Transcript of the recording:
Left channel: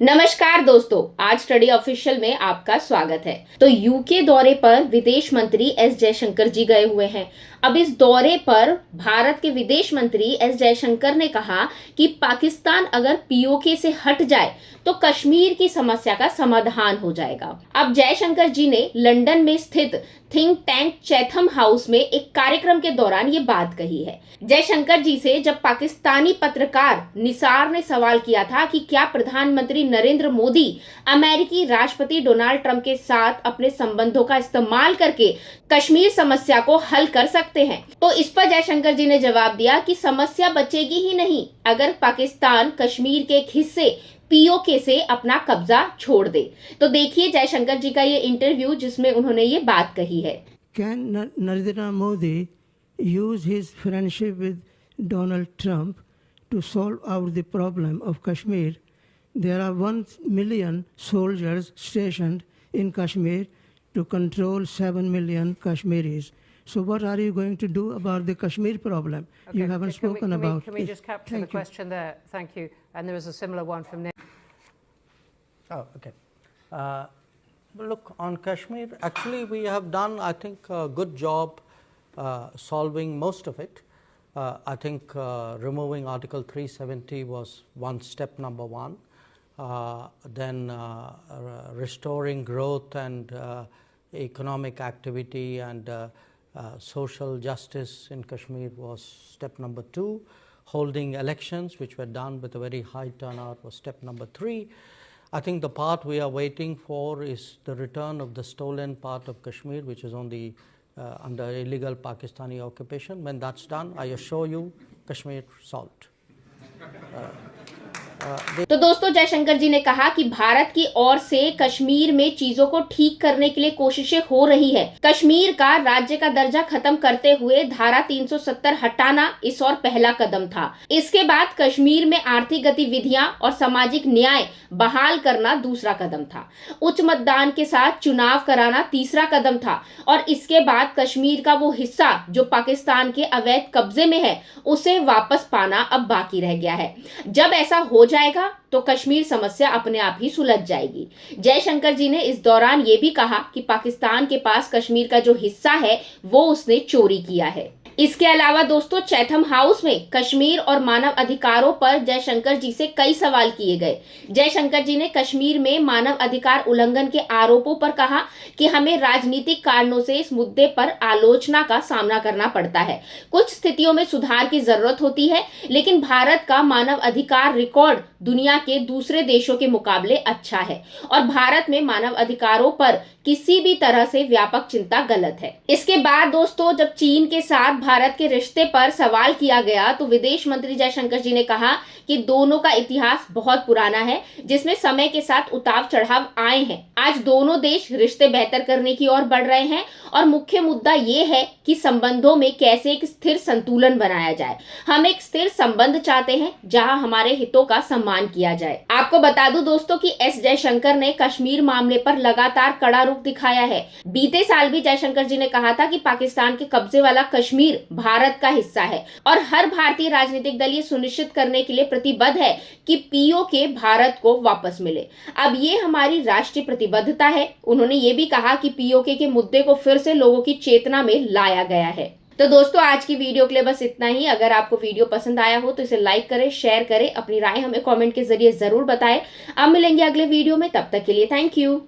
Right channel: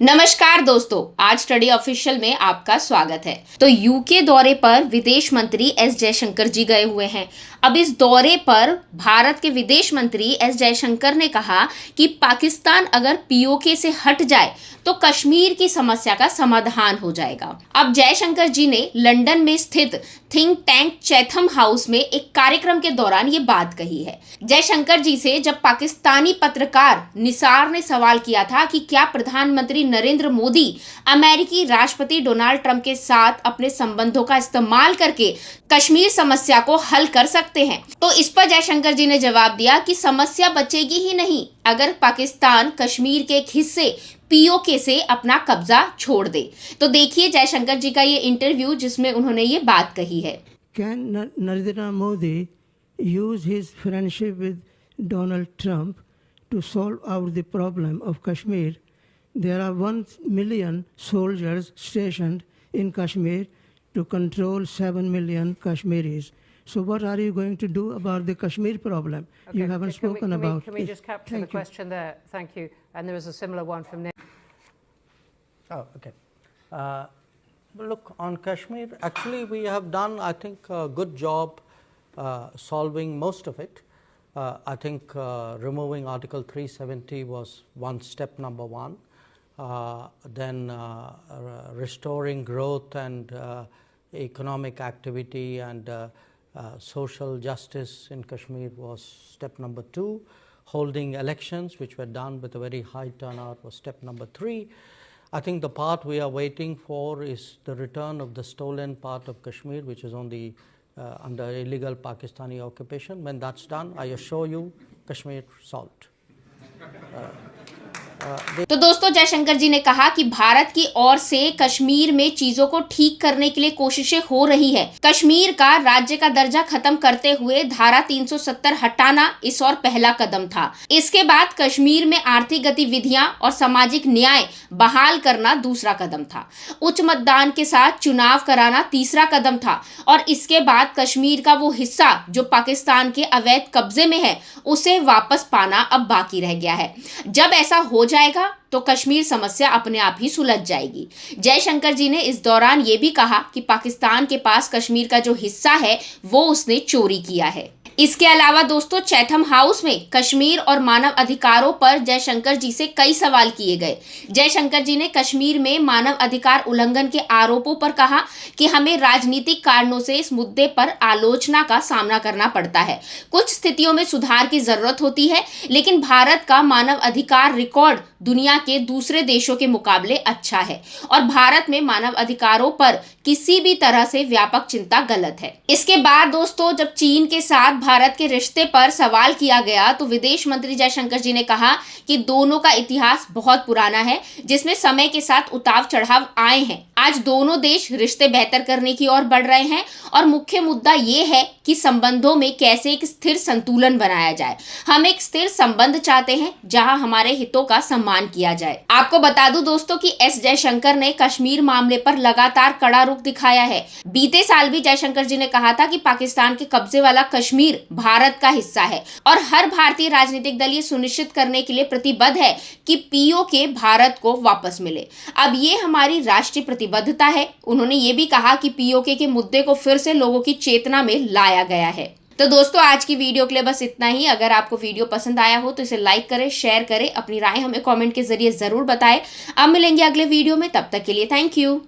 नमस्कार दोस्तों, आज स्टडी ऑफिशियल में आपका स्वागत है। तो यूके दौरे पर विदेश मंत्री एस जयशंकर जी गए हुए हैं। अब इस दौरे पर भारत के विदेश मंत्री एस जयशंकर ने कहा कि पाकिस्तान अगर पीओके से हट जाए तो कश्मीर की समस्या का समाधान हो जाएगा। अब जयशंकर जी ने लंदन में स्थित थिंक टैंक चैथम हाउस में एक कार्यक्रम के दौरान ये बात कही है। जयशंकर जी से जब पाकिस्तानी पत्रकार निसार ने सवाल किया था कि क्या प्रधानमंत्री नरेंद्र मोदी अमेरिकी राष्ट्रपति डोनाल्ड ट्रंप के साथ अपने संबंधों का इस्तेमाल करके कश्मीर समस्या को हल कर सकते हैं, तो इस पर जयशंकर जी ने जवाब दिया कि समस्या बचेगी ही नहीं अगर पाकिस्तान कश्मीर के एक हिस्से पीओके से अपना कब्जा छोड़ दे। तो देखिए जयशंकर जी का ये इंटरव्यू जिसमें उन्होंने ये बात कही है। Can Narendra Modi use his friendship with Donald Trump to solve out the problem of Kashmir? There are 1 million soldiers stationed in Kashmir to control 7 million Kashmiris. So what are you going to do about the Kashmir problem? Okay, You haven't spoken about it. Can we just capture the question there? Thank you. And there was a similar one from Nick. Oh, okay. Look, on Kashmir, actually we have done, I think, a good job solving most of it. I think removing Article 370 was step number one. Then restoring growth and economic activity and social justice in Kashmir was step number 2. Holding elections, which were done with a very high turnout, was step number 3. I think the part we are waiting for is the return of the stolen part of Kashmir, which is on the under illegal Pakistani occupation. When that's done, I assure you, Kashmir solved. तो दोस्तों जयशंकर जी ने कहा कि भारत की ओर से कश्मीर में चीजों को ठीक करने के लिए कोशिशें हो रही है। कश्मीर का राज्य का दर्जा खत्म करते हुए धारा 370 हटाना इस और पहला कदम था। इसके बाद कश्मीर में आर्थिक गतिविधियां और सामाजिक न्याय बहाल करना दूसरा कदम था। उच्च मतदान के साथ चुनाव कराना तीसरा कदम था और इसके बाद कश्मीर का वो हिस्सा जो पाकिस्तान के अवैध कब्जे में है उसे वापस पाना अब बाकी रह गया है। जब ऐसा हो जाएगा तो कश्मीर समस्या अपने आप ही सुलझ जाएगी। जयशंकर जी ने इस दौरान ये भी कहा कि पाकिस्तान के पास कश्मीर का जो हिस्सा है वो उसने चोरी किया है। इसके अलावा दोस्तों चैथम हाउस में कश्मीर और मानव अधिकारों पर जयशंकर जी से कई सवाल किए गए। जयशंकर जी ने कश्मीर में मानव अधिकार उल्लंघन के आरोपों पर कहा कि हमें राजनीतिक कारणों से इस मुद्दे पर आलोचना का सामना करना पड़ता है। कुछ स्थितियों में सुधार की जरूरत होती है, लेकिन भारत का मानव अधिकार रिकॉर्ड दुनिया के दूसरे देशों के मुकाबले अच्छा है और भारत में मानव अधिकारों पर किसी भी तरह से व्यापक चिंता गलत है। इसके बाद दोस्तों जब चीन के साथ भारत के रिश्ते पर सवाल किया गया तो विदेश मंत्री जयशंकर जी ने कहा कि दोनों का इतिहास बहुत पुराना है जिसमें समय के साथ उतार चढ़ाव आए हैं। आज दोनों देश रिश्ते बेहतर करने की ओर बढ़ रहे हैं और मुख्य मुद्दा ये है कि संबंधों में कैसे एक स्थिर संतुलन बनाया जाए। हम एक स्थिर संबंध चाहते हैं जहां हमारे हितों का सम्मान किया जाए। आपको बता दूं दोस्तों कि एस जयशंकर ने कश्मीर मामले पर लगातार कड़ा रुख दिखाया है। बीते साल भी जयशंकर जी ने कहा था कि पाकिस्तान के कब्जे वाला कश्मीर भारत का हिस्सा है और हर भारतीय राजनीतिक दल ये सुनिश्चित करने के लिए प्रतिबद्ध है कि पीओके भारत को वापस मिले। अब ये हमारी राष्ट्रीय प्रतिबद्धता है। उन्होंने ये भी कहा कि पीओके के मुद्दे को फिर से लोगों की चेतना में लाया गया है। तो दोस्तों आज की वीडियो के लिए बस इतना ही। अगर आपको वीडियो पसंद आया हो तो इसे लाइक करें, शेयर करें, अपनी राय हमें कमेंट के जरिए जरूर बताएं। अब मिलेंगे अगले वीडियो में, तब तक के लिए थैंक यू।